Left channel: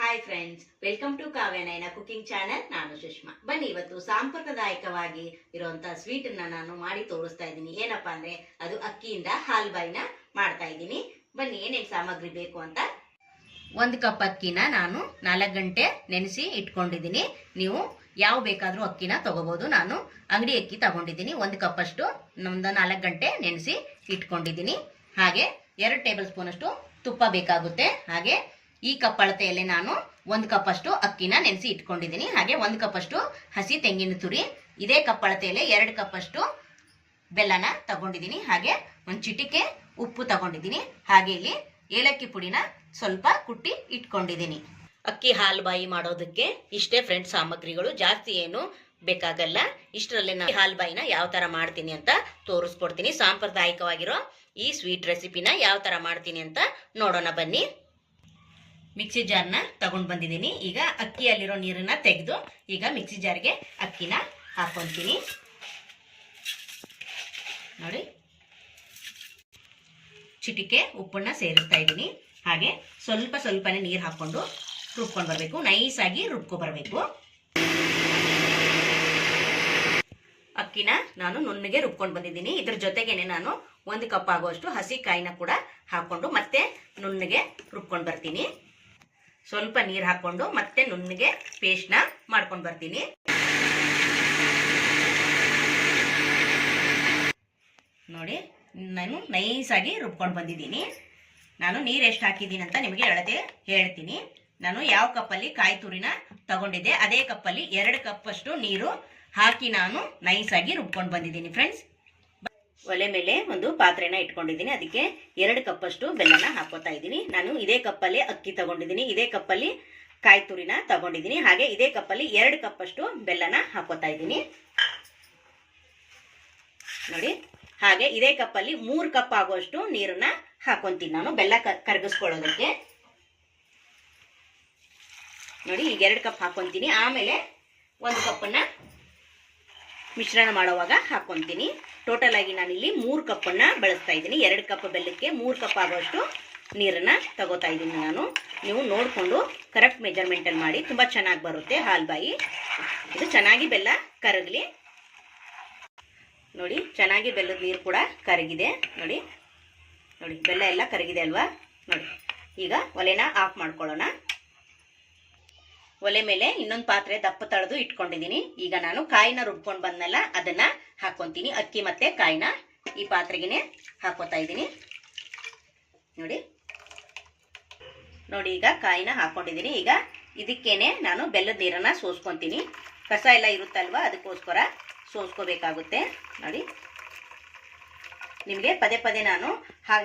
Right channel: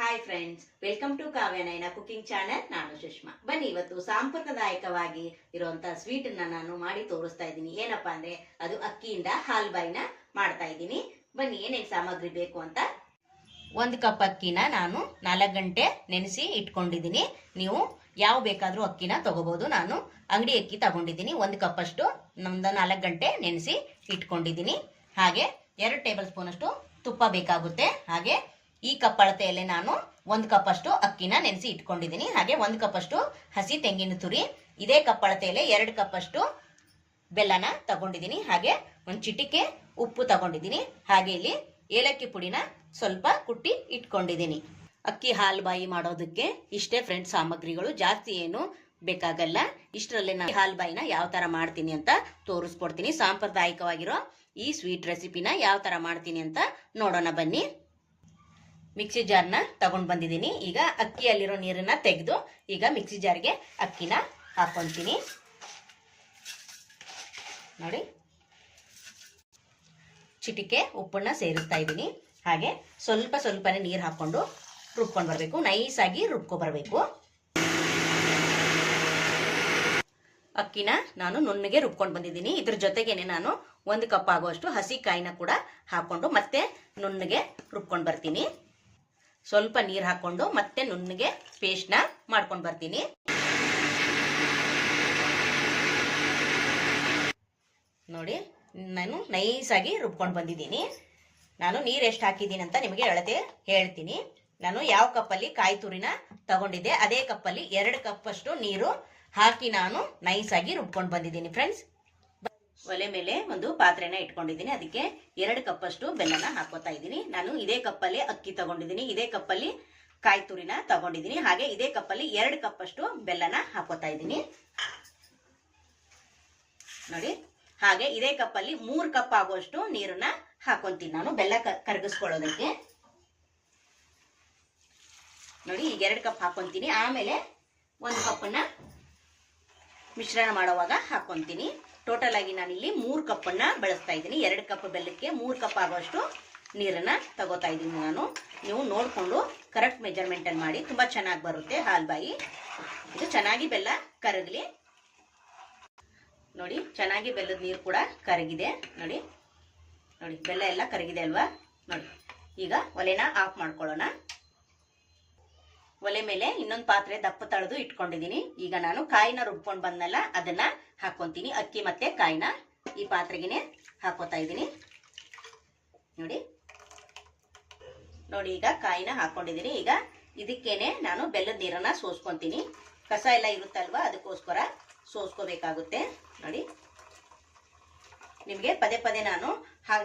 Hi friends welcome to Kavyanayana cooking channel ನಾನು ಸುಷ್ಮಾ. ಬನ್ನಿ, ಇವತ್ತು ಸಾಂಪ್ರದಾಯಿಕವಾಗಿ ಇರುವಂತಹ ಸ್ವೀಟ್ ನಾನು ಮಾಡಿ ತೋರಿಸ್ತಾ ಇದ್ದೀನಿ. ಏನಪ್ಪಾ ಅಂದ್ರೆ, ಅದು ಅಕ್ಕಿಯಿಂದ ಹಾಲ್ಬಾಯಿನ ಮಾಡ್ತಾ ಇದ್ದೀನಿ. ಬನ್ನಿ, ಏನೇನ್ ಸಾಮಗ್ರಿ ಬೇಕು ಅಂತ. ಒಂದು ಕಪ್ ಅಕ್ಕಿನ ನಾನು ನಾಲ್ಕು ಗಂಟೆ ನೆನೆಸಿ ಇಟ್ಕೊಂಡಿದ್ದೀನಿ. ನೀವು ಯಾವ ಬೇಕಾದ್ರೂ ಅಕ್ಕಿನ ತಗೋಬಹುದು ನಾನು ಅಂಗಡಿ ಅಕ್ಕಿ ತಗೊಂಡಿದ್ದೀನಿ. ಒಂದು ಕಪ್ ಅಷ್ಟು ನಮ್ದು ನಾಲ್ಕು ಗಂಟೆ ನೆನೆಸಿ ಇಟ್ಕೊಂಡಿದ್ದೀನಿ. ಹಾಗೆ ಎರಡು ಟೇಬಲ್ ಸ್ಪೂನ್ ಅಷ್ಟು ತುಪ್ಪ ಬೇಕಾಗುತ್ತೆ. ಹಾಗೆ ಈ ಕಪ್ಪಳತೆಯಲ್ಲಿ ನಾನು ಒಂದು ಕಪ್ ಅಷ್ಟು ಅಕ್ಕಿನ ನೆನೆಸಿ ಇಟ್ಕೊಂಡಿದ್ದೀನಿ. ಹಾಗೆ ಒಂದು ಕಪ್ ಅಷ್ಟು ಹಸಿ ತೆಂಗಿನ ತುರಿ, ಇದೇ ಕಪ್ಪಳತೆಯಲ್ಲಿ ಎರಡು ಕಪ್ ಅಷ್ಟು ಬೆಲ್ಲನ ತಗೊಂಡಿದ್ದೀನಿ. ಹಾಗೆ ಒಂದು ಚಿಟಿಕೆ ಉಪ್ಪು ತಗೊಂಡಿದ್ದೀನಿ. ಹಾಗೆ ಇಲ್ಲಿ ಏಲಕ್ಕಿ ಪುಡಿನ ಸ್ವಲ್ಪ ಕುಟ್ಟಿ ಇಟ್ಕೊಂಡಿದ್ದೀನಿ. ಅಕ್ಕಿ ಹಾಲು ಬಾಯಿ ಮಾಡೋದಕ್ಕೆ ಇಷ್ಟೇ ಫ್ರೆಂಡ್ಸ್, ಸಾಮಗ್ರಿಗಳು ಜಾಸ್ತಿ ಏನು ಬೇಕಾಗಲ್ಲ. ಇಷ್ಟರಲ್ಲೇ ನಾನು ಹಾಲು ಬಾಯಿನ ಯಾವ ತರ ಮಾಡ್ತೀನಿ ಅಂತ ತೋರಿಸ್ಕೊಡ್ತೀನಿ. ಸಾಂಪ್ರದಾಯಿಕವಾಗಿರೋ ಈ ಸ್ವೀಟ್ ರೆಸಿಪಿನ ಯಾವ ತರ ಮಾಡ್ತೀನಿ ಅಂತ ನೋಡೋಣ ಬನ್ನಿ. ಮಿಕ್ಸಿ ಜಾರ್ನ ತಗೊಂಡ್ ಬಂದಿದ್ದೀನಿ. ಈಗ ಅಕ್ಕಿಯಲ್ಲಿರೋ ನೀರನ್ನ ತೆಗೆದು ಈಗ ಮಿಕ್ಸಿ ಜಾರ್ಗೆ ಅಕ್ಕಿನ ಹಾಕೊಂತೀನಿ. ನೋಡಿ. ಚಿಟಿಕೆ, ಉಪ್ಪನ್ನ ಸೇರಿಸ್ತಾ ಇದ್ದೀನಿ. ಹಾಗೆ ಸ್ವಲ್ಪ ಸ್ವಲ್ಪನೇ ನೀರು ಹಾಕೊಂಡು ರುಬ್ಕೊಂಡು ಬರಬೇಕು. ನೈಸಾಗಿ ರುಬ್ಕೊ ಬರಬೇಕು. ಅಕ್ಕಿನ ನಾನು ನುಣ್ಣಗೆ ರುಬ್ಕೊಂಡು ಬಂದಿದ್ದೀನಿ. ಇದ್ರ ಜೊತೆಗೇನೆ ನಾನು ಒಂದು ಕಪ್ ಆಗುವಷ್ಟು ಹಸಿ ಕಾಯಿನ ಕೂಡ ಹಾಕೊಂಡು ಮತ್ತೆ ನುಣ್ಣಗೆ ರುಬ್ಕೊಂಡು ಬರ್ತೀನಿ. ಸ್ವಲ್ಪ ನೀರು ಹಾಕೊಂಡು ಮತ್ತೆ ನುಣ್ಣಗೆ ಪೇಸ್ಟ್ನ ಮಾಡ್ಕೊಂಡು ಬರ್ತೀನಿ. ನೋಡಿ, ನಾನು ನೈಸಾಗಿ ರುಬ್ಕೊಂಡು ಬಂದಿದ್ದೀನಿ. ನಾನು ನೀರು ಎಷ್ಟು ಹಾಕಿದ್ದೀನಿ ಅಂತ ನಿಮಗೆ ಅಳತೆ ಹೇಳ್ತೀನಿ. ನಾನು ಯಾವ ಕಪ್ಪಲ್ಲಿ ಕಾಯಿ ತುರಿನ ತಗೊಂಡಿದ್ದೆ, ಅದೇ ಕಪ್ಪಲ್ಲಿ ಎರಡು ಕಪ್ಪಷ್ಟು ನೀರು ಹಾಕಿ ನಾನು ನೈಸಾಗಿ ರುಬ್ಕೊಂಡು ಬಂದಿದ್ದೀನಿ ಫ್ರೆಂಡ್ಸ್ ಒಲೆ ಮೇಲೆ ಒಂದು ಪಾತ್ರೆನ ಇಟ್ಕೊಂಡಿದ್ದೀನಿ. ಅದಕ್ಕೆ ಎರಡು ಕಪ್ಪಷ್ಟು ಬೆಲ್ಲನ ಹಾಕೋತಾ ಇದ್ದೀನಿ. ನಾನು ಇದೇ ಕಪ್ಪಲ್ಲಿ ಅಕ್ಕಿ ತಗೊಂಡಿದ್ದೀನಿ. ಇದೇ ಕಪ್ಪಲ್ಲಿ ಕಾಯಿ ತುರಿನ ತಗೊಂಡಿದ್ದೀನಿ. ಹಾಗೆ ಇದೇ ಕಪ್ಪಲ್ಲಿ ಎರಡು ಕಪ್ಪಷ್ಟು ಬೆಲ್ಲನ ಹಾಕೋತಾ ಇದ್ದೀನಿ. ನೋಡಿ, ಹಾಗೆ ಇದೇ ಕಪ್ಪಲ್ಲಿ ಮೂರು ಕಪ್ ಆಗುವಷ್ಟು ನೀರನ್ನ ಹಾಕೊಂತೀನಿ ನಾನು. ಬೆಲ್ಲ ಕರ್ಗಿಸ್ಕೊಳ್ಳೋದಕ್ಕೆ. ನೋಡಿ, ಈಗ ಎರಡು ಕಪ್ ಹಾಕೊಂತೀನಿ ಆಮೇಲೆ ಒಂದು ಕಪ್ಪನ್ನ ಮಿಶ್ರಣ ಮಾಡುವಾಗ ಹಾಕೊಂತೀನಿ. ಟೋಟಲ್ ಆಗಿ ನಾನಿಲ್ಲಿ ಮೂರು ಕಪ್ಪನ್ನು ಬಳಸ್ತಾ ಇದ್ದೀನಿ. ಎರಡು ಕಪ್ ಬೆಲ್ಲಕ್ಕೆ ಮೂರು ಕಪ್ ಆಗುವಷ್ಟು ನೀರನ್ನ ತಗೋತಾ ಇದ್ದೀನಿ ನಾನು. ನೀವು ನೋಡಿಕೊಂಡು ಕರೆಕ್ಟ್ ಮೆಜರ್ಮೆಂಟಲ್ಲಿ ಮಾಡಿ. ತುಂಬ ಚೆನ್ನಾಗಿ ಬರುತ್ತೆ ಹಾಲ್ಬಾಯಿ ಇದು ಚೆನ್ನಾಗಿ ಬೆಲ್ಲ ಕರಗಲಿ. ನೋಡಿ, ಚೆನ್ನಾಗಿ ಬೆಲ್ಲದ ನೀರು ಕೂಡ ಕರಗಿದೆ. ನೋಡಿ ನೋಡಿ, ಬೆಲ್ಲ ಎಲ್ಲ ಕರಗಿದೆ ಅಲ್ವಾ? ನೋಡಿ, ಈಗ ಒಲೆನ ಆಫ್ ಮಾಡ್ಕೊಳ್ಳೋಣ. ಒಲೆ ಮೇಲೆ ಇನ್ನೊಂದು ಪಾತ್ರೆ ದಪ್ಪ ತಳೆದು ಇಟ್ಕೊಂಡಿದ್ದೀನಿ. ಈಗ ನಾನು ಕಾಯಿನ ರುಬ್ಕೊಂಡು ಬಂದ್ನಲ್ಲ, ಅದನ್ನ ಹಾಕೊಂತೀನಿ. ಅಕ್ಕಿ ಮತ್ತೆ ಕಾಯಿನ ಈ ಪಾತ್ರೆಗೆನೇ ಹಾಕೋತಾ ಇದ್ದೀನಿ. ನೋಡಿ. ನೋಡಿ, ಈಗ ಕಾಯಿನ ಹಾಕೊಂಡಿದ್ದೀನಿ. ಈಗ ಇದಕ್ಕೇನೆ ನಾನು ಬೆಲ್ಲದ ನೀರನ್ನ ಸೋಸ್ಕೊಂತೀನಿ. ಕಸ ಎಲ್ಲ ಇರುತ್ತಲ್ವಾ, ಅದಕ್ಕೋಸ್ಕರ ಸೋಸ್ಕೋಬೇಕಾಗುತ್ತೆ. ನೋಡಿ. ನಿಮಗೆ ಪದೇ ಪದೇ ನಾನು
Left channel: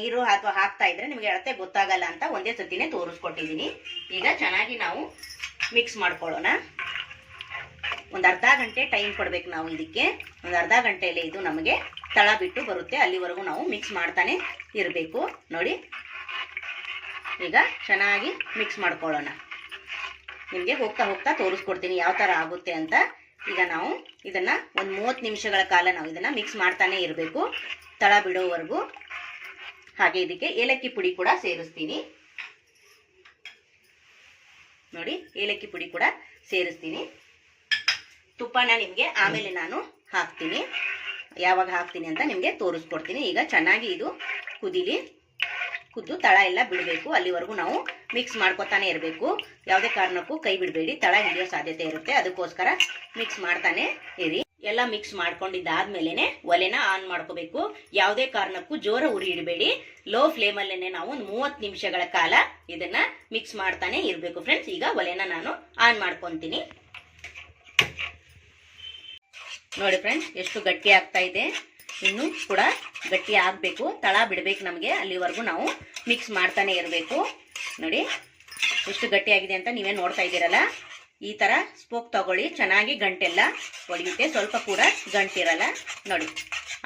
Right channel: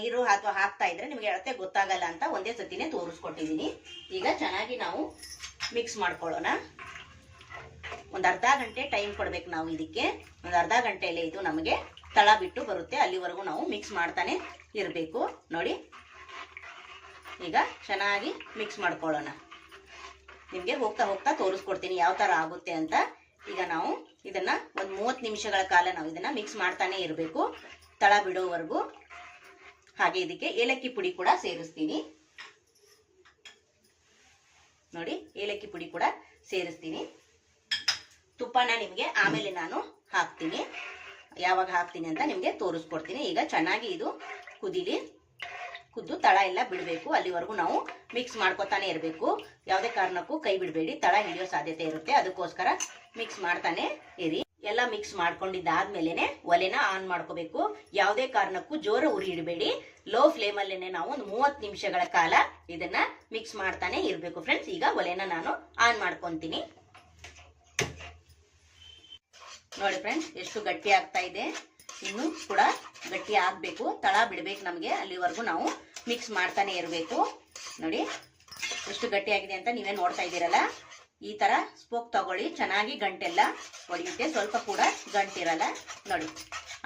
ನೀರು ಅಥವಾ ಹಾಕ್ತಾ ಇದ್ರೆ ನಿಮಗೆ ಅಳತೆ ಗೊತ್ತಾಗಲ್ಲ ಅಂತ ಒಂದೇ ಸತಿನೇ ತೋರಿಸ್ಕೊಟ್ಟಿದ್ದೀನಿ. ಈಗ ಚೆನ್ನಾಗಿ ನಾವು ಮಿಕ್ಸ್ ಮಾಡ್ಕೊಳ್ಳೋಣ. ಒಂದು ಅರ್ಧ ಗಂಟೆ ಟೈಮ್ ಕೊಡ್ಬೇಕು ನಾವು ಇದಕ್ಕೆ. ಒಂದು ಅರ್ಧ ಗಂಟೆಯಲ್ಲಿ ಇದು ನಮಗೆ ತಳ ಬಿಟ್ಟು ಬರುತ್ತೆ. ಅಲ್ಲಿವರೆಗೂ ನಾವು ಮಿಕ್ಸ್ ಮಾಡ್ತಾನೆ ಇರಬೇಕು. ನೋಡಿ. ಈಗ ಚೆನ್ನಾಗಿ ಮಿಕ್ಸ್ ಮಾಡ್ಕೊಳ್ಳೋಣ. ನಿಮಗೆ ಹೋಗ್ತಾ ಹೋಗ್ತಾ ತೋರಿಸ್ಕೊಡ್ತೀನಿ ಯಾವ ಥರ ಆಗುತ್ತೆ ಅಂತ. ಈಗ ನಾವು ಇದನ್ನು ಒಂದು ಮೂವತ್ತು ನಿಮಿಷಗಳ ಕಾಲ ನಾವು ಇದನ್ನು ಮಿಕ್ಸ್ ಮಾಡ್ತಾನೆ ಇರಬೇಕು. ತಳ ಬಿಡೋವರೆಗೂ. ಹಾಗೆ ಇದಕ್ಕೆ ಏಲಕ್ಕಿ ಪುಡಿ ಕೂಡ ಸೇರಿಸ್ತೀನಿ. ನೋಡಿ, ಏಲಕ್ಕಿ ಪುಡಿ ಕೂಡ ಸೇರಿಸ್ತೀನಿ. ತುಪ್ಪನ ನಿಮಗೆ ಆಮೇಲೆ ನಾನು ಹಾಕ್ತೀನಿ. ಯಾವಾಗ ಹಾಕ್ತೀನಿ ಅಂತ ನಿಮಗೆ ತೋರಿಸ್ಕೊಡ್ತೀನಿ. ಈಗ ಚೆನ್ನಾಗಿ ಇದು ಕುದಿಲಿ, ಕುದ್ದು ತಳ ಎಲ್ಲ ಬಿಡಬೇಕು. ಅಲ್ಲಿವರೆಗೂ ನಾವು ಮಿಕ್ಸ್ ಮಾಡ್ಕೊತಾನೆ ಇರಬೇಕು. ಯಾವುದೇ ಕಾರಣಕ್ಕೂ ಕೈ ಬಿಡಬೇಡಿ. ತಳ ಹಿಡಿಯೋ ಸಾಧ್ಯತೆ ಇರುತ್ತೆ. ಅದಕ್ಕೋಸ್ಕರ ಮಿಕ್ಸ್ ಮಾಡ್ತಾನೆ ಇರಿ. ಎಲ್ಲ ಮಿಕ್ಸ್ ಮಾಡ್ಕೊಂಡಿದ್ದಾದ್ಮೇಲೆ ಒಲೆನ ಆನ್ ಮಾಡ್ಕೋಬೇಕು. ಯಾವುದೇ ಕಾರಣಕ್ಕೂ ಜೋರ ಉರಿ ಇಡಬೇಡಿ. ಲೋ ಫ್ಲೇಮಲ್ಲೇ ನಾವು ಒಂದು ಮೂವತ್ತು ನಿಮಿಷಗಳ ಕಾಲ ಇದನ್ನ ಮಿಕ್ಸ್ ಮಾಡ್ತಾನೆ ಇರಬೇಕು ಫ್ರೆಂಡ್ಸ್ ಈಗ ಒಲೆನ ನಾನು ಆನ್ ಮಾಡ್ಕೊತೀನಿ. ನೋಡಿ ಫ್ರೆಂಡ್ಸ್ ಎಷ್ಟು ಗಟ್ಟಿ ಆಗ್ತಾ ಇದೆ. ಇನ್ನು ಕೂಡ ಗಟ್ಟಿ ಆಗಬೇಕು. ತಳ ಬಿಡಬೇಕು ನಮಗೆ. ಅಲ್ಲಿವರೆಗೂ ನಾವು ಮಿಕ್ಸ್ ಮಾಡ್ತಾನೆ ಇರಬೇಕು. ನೋಡಿ, ಎಷ್ಟು ಗಟ್ಟಿ ಆಗಿದೆ ಅಂತ ನೀವೇ ನೋಡ್ತಾ ಇದ್ದೀರಲ್ಲ. ಈ ಥರ ಸ್ಪೋಕ್ ತಗೊಳ್ಳಿ. ಚೆನ್ನಾಗಿ ಗಂಟೆಲ್ಲ ಒಡೆಯುತ್ತೆ. ಸ್ವಲ್ಪ ಕೂಡ ಗಂಟಿರಲ್ಲ. ನೋಡಿ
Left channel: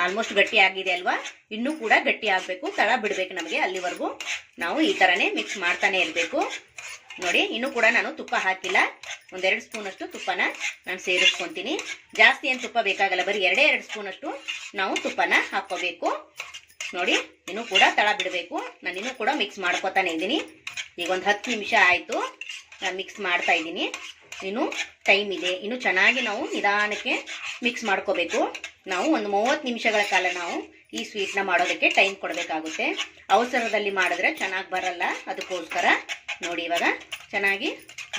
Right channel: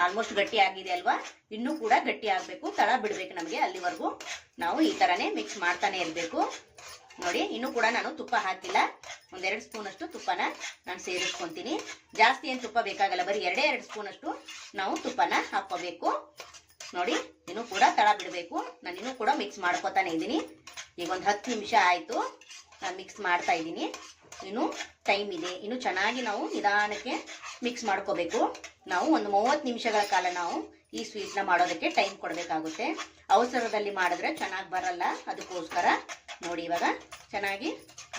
ಆಲ್ಮೋಸ್ಟ್ ಗಟ್ಟಿ ಆಗಿದೆ ಅಲ್ವಾ? ಇನ್ನೂ ಕೂಡ ಗಟ್ಟಿ ಆಗಬೇಕು. ತಳ ಬಿಡಬೇಕು ನಮಗೆ ಅಲ್ಲಿವರೆಗೂ. ನಾವು ಈ ಥರನೇ ಮಿಕ್ಸ್ ಮಾಡ್ತಾನೆ ಇರಬೇಕು. ನೋಡಿ, ಇನ್ನೂ ಕೂಡ ನಾನು ತುಪ್ಪ ಹಾಕಿಲ್ಲ. ಒಂದೆರಡು ಸ್ಪೂನಷ್ಟು ತುಪ್ಪನ ನಾನು ಸೇರಿಸ್ಕೊಂತೀನಿ. ಜಾಸ್ತಿ ಏನು ತುಪ್ಪ ಬೇಕಾಗಲ್ಲ. ಬರೀ ಎರಡೇ ಎರಡು ಸ್ಪೂನಷ್ಟು ನಾವು ತುಪ್ಪನ ಹಾಕ್ಕೋಬೇಕು. ನೋಡಿ, ಇನ್ನೂ ಕೂಡ ತಳ ಬಿಡಬೇಕು. ನಾನು ಇನ್ನೂ ಕೂಡ ಮಿಕ್ಸ್ ಮಾಡ್ಕೊತಾನೆ ಇದ್ದೀನಿ. ಈಗ ಒಂದು ಹತ್ತು ನಿಮಿಷ ಆಯಿತು. ನಾನು ಮಿಕ್ಸ್ ಮಾಡ್ತಾ ಇದ್ದೀನಿ. ಇನ್ನು ಟೈಮ್ ಇದೆ. ಇನ್ನು ಚೆನ್ನಾಗಿ ನಾವು ನಿಧಾನಕ್ಕೆ ಮಿಕ್ಸ್ ಮಾಡ್ಕೋಬೇಕು. ನಾವು ಒಂದು ಮೂವತ್ತು ನಿಮಿಷಗಳ ಕಾಲ ನಾವು ಈ ಸ್ವೀಟ್ನ ಮಾಡೋದಕ್ಕೆ ಟೈಮ್ ಕೊಡಬೇಕಾಗುತ್ತೆ. ಅವಸರದಲ್ಲಿ ಮಾಡಿದ್ರೆ ಚೆನ್ನಾಗಿ ಬರಲ್ಲ. ಅದಕ್ಕೋಸ್ಕರ ನೋಡಿ ಇವಾಗ ಚೆನ್ನಾಗಿ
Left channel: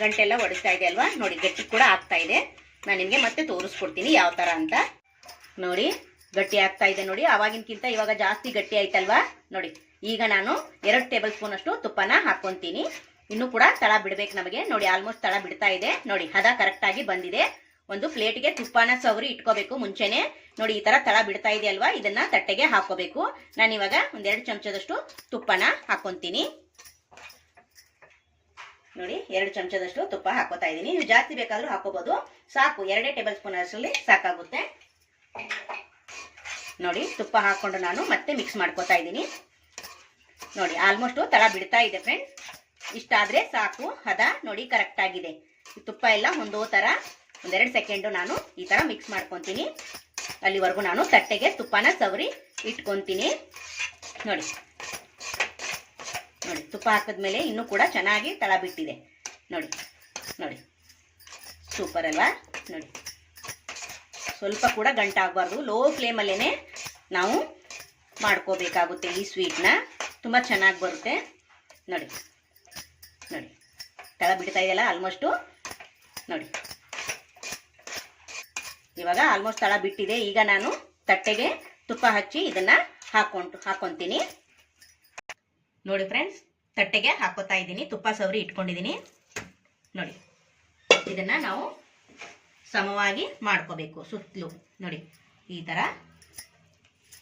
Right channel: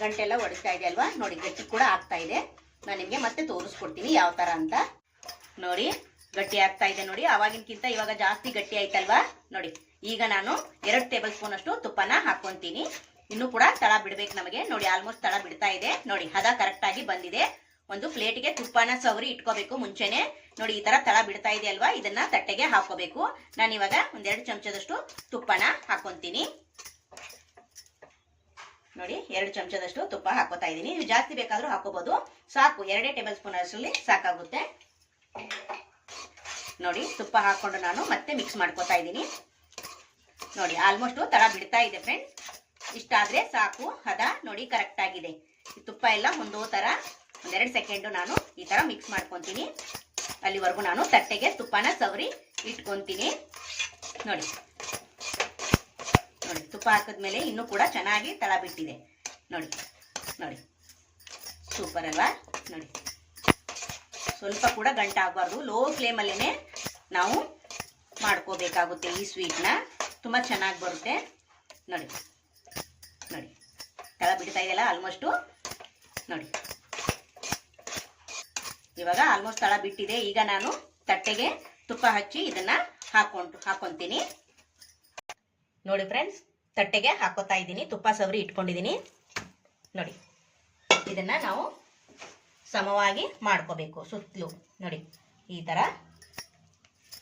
ಗಂಟೆಲ್ಲ ಒಡಿಸ್ತಾ ಇದೆ ಅಲ್ವಾ? ನೋಡಿ ಗಟ್ಟಿ ಕೂಡ ಆಗ್ತಾ ಇದೆ. ನಾನು ನಿಮಗೆ ಮತ್ತೆ ತೋರಿಸ್ಕೊಡ್ತೀನಿ ಯಾವ ಥರ ಅಂತ. ನೋಡಿ ಗಟ್ಟಿ ಆಗ್ತಾ ಇದೆ ನೋಡಿ. ಅವಾಗಿನಕ್ಕಿಂತ ಇವಾಗ ಜಾಸ್ತಿ ಗಟ್ಟಿ ಆಯ್ತಲ್ವಾ? ನೋಡಿ, ಈಗ ನಾನು ಎರಡು ಟೇಬಲ್ ಸ್ಪೂನ್ ಅಷ್ಟು ತುಪ್ಪನ ಹಾಕೊಂತೀನಿ ಇನ್ನು ಕೂಡ ತಳ ಬಿಡ್ಬೇಕು ನಮಗೆ. ನೋಡಿ ಆಲ್ಮೋಸ್ಟ್ ತಳ ಬಿಡ್ತಾ ಇದೆ. ನೋಡಿ, ಹದ ಕರೆಕ್ಟ್ ಆಗಿ ಬಂದಿದೆ. ಒಂದು ಪ್ಲೇಟ್ಗೆ ತುಪ್ಪನ ಸವರಿ ಇಟ್ಕೋಬೇಕು ಮುಂಚೆನೆ. ನೋಡಿ, ಈ ತರ ತಳ ಬಿಡ್ತಾ ಇದೆ ಅಲ್ವಾ? ಇದನ್ನ ತಟ್ಟೆಗೆ ಹಾಕೋಬೇಕು. ನಾನು ಇವಾಗ ಒಂದೆರಡು ಚಮಚದಷ್ಟು ತುಪ್ಪನ ಹಾಕೊಂತೀನಿ. ನೋಡಿ, ಎರಡು ಚಮಚದಷ್ಟು ತುಪ್ಪ ಹಾಕೋತಾ ಇದ್ದೀನಿ. ನೀವು ಜಾಸ್ತಿ ಬೇಕಾದ್ರೂ ಹಾಕೋಬಹುದು ಸಾಕು, ಎರಡೇ ಟೇಬಲ್ ಸ್ಪೂನ್ ಅಷ್ಟರಲ್ಲಿ ಸಾಕಾಗುತ್ತೆ. ನೋಡಿ, ತುಪ್ಪ ಹಾಕೊಂಡು ನಾನು ಮತ್ತೆ ಮಿಕ್ಸ್ ಮಾಡ್ಕೋತಾ ಇದ್ದೀನಿ. ನೋಡಿ ಆಲ್ಮೋಸ್ಟ್ ತಳ ಬಿಡ್ತಾ ಇದೆ ಫ್ರೆಂಡ್ ಇಷ್ಟಾದ್ರೆ ಸಾಕು, ಹದ ನೋಡಿ ಕರೆಕ್ಟ್ ಆಗಿದೆ. ತುಪ್ಪ ಎಲ್ಲ ಒಂದೋ ತರ ಒಂದೆರಡು ಸೆಕೆಂಡು ನಾನು ಈ ತರ ಮಿಕ್ಸ್ ಮಾಡ್ಕೊತೀನಿ. ಅಲ್ಲಿವರೆಗೂ ನಾನು ತಟ್ಟೆಗೆ ತುಪ್ಪನ ಸವರಿ ಇಟ್ಕೊಂತೀನಿ. ನೋಡಿ. ನೋಡಿ, ತುಪ್ಪ ಹಾಕಿದ್ಮೇಲೆ ಇನ್ನೂ ಕೂಡ ಚೆನ್ನಾಗಿ ತಳ ಬಿಟ್ಟಿದೆ ನೋಡಿ ನೋಡಿ. ಸೂಪರ್ ಅಲ್ವಾ? ನೋಡಿ. ಸ್ವಲ್ಪ ಕೂಡ ಗಂಟಾಗಬಾರ್ದು ಲೋ ಫ್ಲೇಮಲ್ಲೇ ನಾವು ಮಾಡ್ಕೋಬೇಕಾಗುತ್ತೆ ಈ ಸ್ವೀಟ್ನ ತುಂಬ ಚೆನ್ನಾಗಿ ಬರುತ್ತೆ. ನೋಡಿ. ನೋಡಿ. ತಳ ಬಿಡ್ತಾ ಇದೆಯಲ್ಲ ಆಲ್ಮೋಸ್ಟು ನೋಡಿ. ಇವಾಗ ಆಲ್ಮೋಸ್ಟ್ ತಳ ಬಿಟ್ಟಿದೆ. ಈಗ ನಾನು ತಟ್ಟೆಗೆ ತುಪ್ಪ ಹಚ್ಚಿ ಇದನ್ನ ಹಾಕೊಂಡು ಹಾಕೊತೀನಿ. ನೋಡಿ ಫ್ರೆಂಡ್ಸ್ ತಟ್ಟೆಗೆ ಹಾಕೋತಾ ಇದ್ದೀನಿ. ತುಪ್ಪ ಸವರಿ ಇಟ್ಕೊಂಡಿದ್ದೀನಿ. ನೋಡಿ. ಇದನ್ನ ನಾವು ಸಮವಾಗಿ ಮಾಡ್ಕೋಬೇಕು ಸುತ್ತಲೂ. ನೋಡಿ, ಈ ಥರ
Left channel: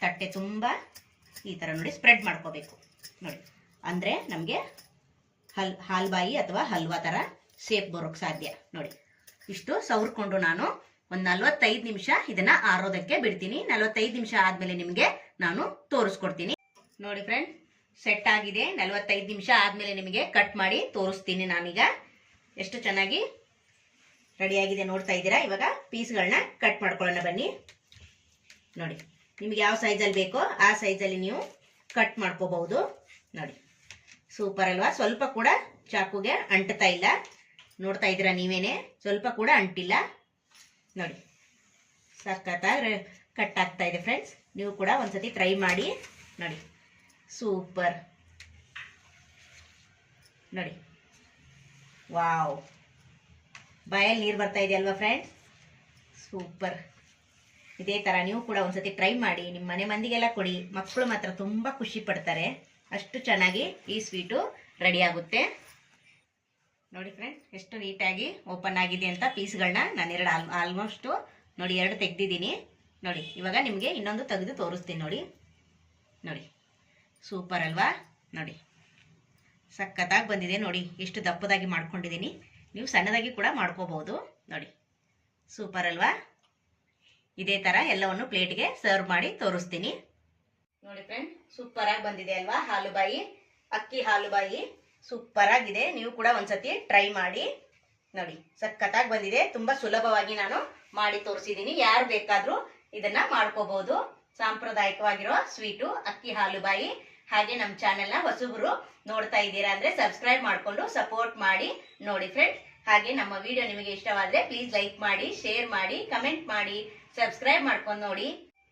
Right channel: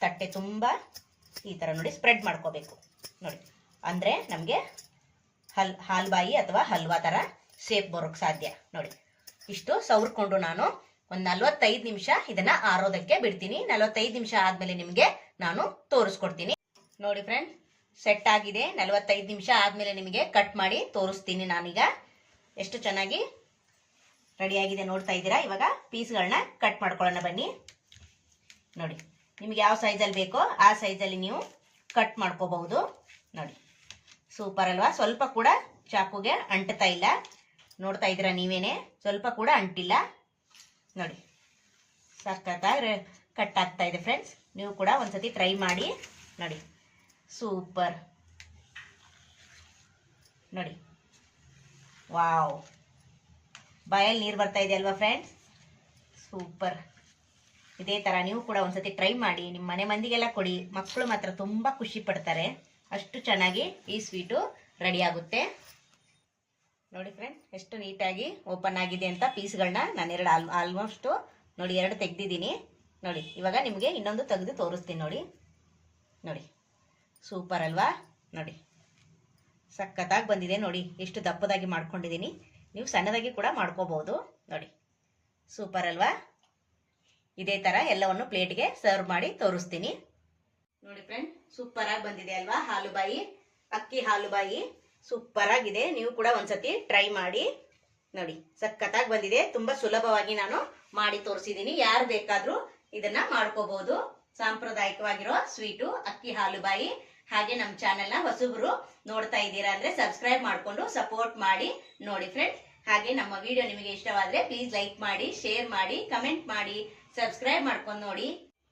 ತಟ್ಟೆ ತುಂಬ ಈ ಥರ ನೋಡಿ ಸ್ಪ್ರೆಡ್ ಮಾಡ್ಕೋಬೇಕು. ನೋಡಿ, ಅಂದರೆ ನಮಗೆ ಹಲ್, ಹಾಲ್ಬಾಯಿ ಅಥವಾ ಹಲ್ವಾ ಥರ ಸೇಪ್ ಬರೋಕ್ ಸಾಧ್ಯ. ನೋಡಿ, ಇಷ್ಟು ಸವರ್ಕೊಂಡು ನಾನು ಒಂದು ನಲ್ವತ್ತೈದು ನಿಮಿಷ ಇದನ್ನ ಆರೋದಕ್ಕೆ ಬಿಡ್ತೀನಿ. ನಲ್ವತ್ತೈದು ನಿಮಿಷ ಆದಮೇಲೆ ನಿಮಗೆ ನಾನು ತೋರಿಸ್ಕೊಡ್ತೀನಿ. ನೋಡಿ ಫ್ರೆಂಡ್ ಸೆಟ್ ಆಗಿದೆ. ನಲ್ವತ್ತೈದು ನಿಮಿಷ ಆದಮೇಲೆ ನಿಮಗೆ ಕಟ್ ಮಾಡಿ ತೋರಿಸ್ತೀನಿ ನಾನೀಗ. ಎಷ್ಟು ಚೆನ್ನಾಗಿ ರೆಡಿಯಾಗಿದೆ ನೋಡ್ತಾ ಇದ್ದೀರಾ? ಇವಾಗ ಪೀಸ್ಗಳನ್ನ ಕಟ್ ಮಾಡ್ಕೊಳ್ಳೋಣ ಬನ್ನಿ. ನೋಡಿ, ನಿಮ್ಗೆ ಯಾವ ಸೈಜಲ್ಲಿ ಬೇಕೋ ಆ ಸೈಜಲ್ಲಿ ನೀವು ಕಟ್ ಮಾಡ್ಕೋಬಹುದು. ನೋಡಿ. ಸೂಪರ್ ಅಲ್ವಾ? ಸ್ವಲ್ಪ ಕೂಡ ಚಾಕುಗೆ ಅಂಟ್ತಾ ಇಲ್ಲ. ನೋಡ್ತಾ ಇದ್ದೀರಾ ನೀವೇನೆ? ಸ್ವಲ್ಪ ಕೂಡ ಅಂಟಿಲ್ಲ. ನೋಡಿ, ಸಖತ್ತಾಗಿ ಕಟ್ ಆಗ್ತಾ ಇದೆ ಫ್ರೆಂಡ್ಸ್ ನೀವು ಕೂಡ ಒಂದ್ಸತಿ ಟ್ರೈ ಮಾಡಿ. ನೋಡಿ, ಸೂಪರ್. ನೋಡಿ, ವಾವ್. ಬಾಯಲ್ಲಿ ನೀರು ಬರ್ತಾ ಇದೆ ಅಲ್ವಾ ಫ್ರೆಂಡ್ಸ್ ಸೂಪರ್. ಇದೇ ಥರ ನೀವು ಕೂಡ ಒಂದ್ಸತಿ ಟ್ರೈ ಮಾಡಿ. ನಿಮ್ಮ ಮನೆ ಮಂದಿಗೆಲ್ಲ ಕೊಡಿ. ಮಕ್ಕಳು ಮಾತ್ರ ತುಂಬ ಖುಷಿ ಪಡ್ತಾರೆ. ಅಷ್ಟು ಚೆನ್ನಾಗಿ ಈ ಸ್ವೀಟು ರೆಡಿ ಆಗುತ್ತೆ ನೋಡಿ ಫ್ರೆಂಡ್ ಎಷ್ಟು ನೀಟಾಗಿ ಓಪನ್ ಆಗಿದೆ ಅಂತ ಪೀಸ್ಗಳನ್ನ ನಾನು ಎರಡು ಆಲ್ ಆಲ್ಮೋಸ್ಟು ನೋಡಿ ಎರಡು ತೆಗ್ದಿದ್ದೀನಿ. ನೋಡಿ, ಇವಾಗ ನಿಮಗೆ ಇನ್ನೊಂದು ತೆಗೆದು ತೋರಿಸ್ತೀನಿ ನೋಡಿ. ನೋಡಿ ಸೂಪರ್ ಅಲ್ವಾ? ನೋಡಿ, ಸಖತ್ತಾಗಿ ಬಂದಿದೆ ನೋಡಿ, ಎಷ್ಟು ದಪ್ಪದಾಗಿ ಮಾಡ್ಕೊಂಡಿದ್ದೀನಿ. ನೀವು ಸಣ್ಣದಾಗಿ ಕೂಡ ಮಾಡ್ಕೋಬಹುದು. ನೋಡಿ ಸೂಪರ್ ಅಲ್ವಾ? ಇದೇ ಥರ ಎಲ್ಲವನ್ನು ಪ್ಲೇಟ್ಗೆ ಸರ್ವ್ ಮಾಡಿ ತೋರಿಸ್ತೀನಿ. ನೋಡಿ ಫ್ರೆಂಡ್ ಸೂಪರ್ ಆಗಿ ಬಂದಿದೆ ಅಲ್ವಾ ಹಾಲುಬಾಯಿ? ಅಕ್ಕಿ ಹಾಲುಬಾಯಿ ಸೂಪರ್ ಆಗಿದೆ ನೀವು ಕೂಡ ಒಂದ್ಸತಿ ಟ್ರೈ ಮಾಡಿ ನೋಡಿ, ಸಖತ್ತಾಗಿ ಬಂದಿದೆ. ತುಂಬಾ ಸುಲಭವಾಗಿ ನಾನು ಮಾಡಿ ತೋರಿಸಿದ್ದೀನಿ ಯಾರು ಬೇಕಾದ್ರೂ ಇದನ್ನ ಮಾಡ್ಕೋಬಹುದು ಸಾಂಪ್ರದಾಯಿಕವಾಗಿರೋ ಸ್ವೀಟು, ಅಕ್ಕಿ ಹಾಲುಬಾಯಿ. ಹಾಗೆ ನಮ್ಮ ಚಾನೆಲ್ನ ಹೊಸಬ್ರು ನೋಡ್ತಾ ಇದ್ದೀರಾ ಅಂದ್ರೆ ಸಬ್ಸ್ಕ್ರೈಬ್ ಮಾಡ್ಕೊಂಡು ಸಪೋರ್ಟ್ ಮಾಡಿ ನೋಡಿ ಫ್ರೆಂಡ್ಸ್ ಹಾಗೆ ನಮ್ಮ ವಿಡಿಯೋ ನಿಮಗೆ ಇಷ್ಟವಾದ್ರೆ ಪ್ಲೀಸ್ ಲೈಕ್ ಮಾಡಿ ಶೇರ್ ಮಾಡಿ ಕಮೆಂಟ್ ಮಾಡಿ ಸಬ್ಸ್ಕ್ರೈಬ್ ಮಾಡ್ಕೊಂಡು ನೋಡಿ.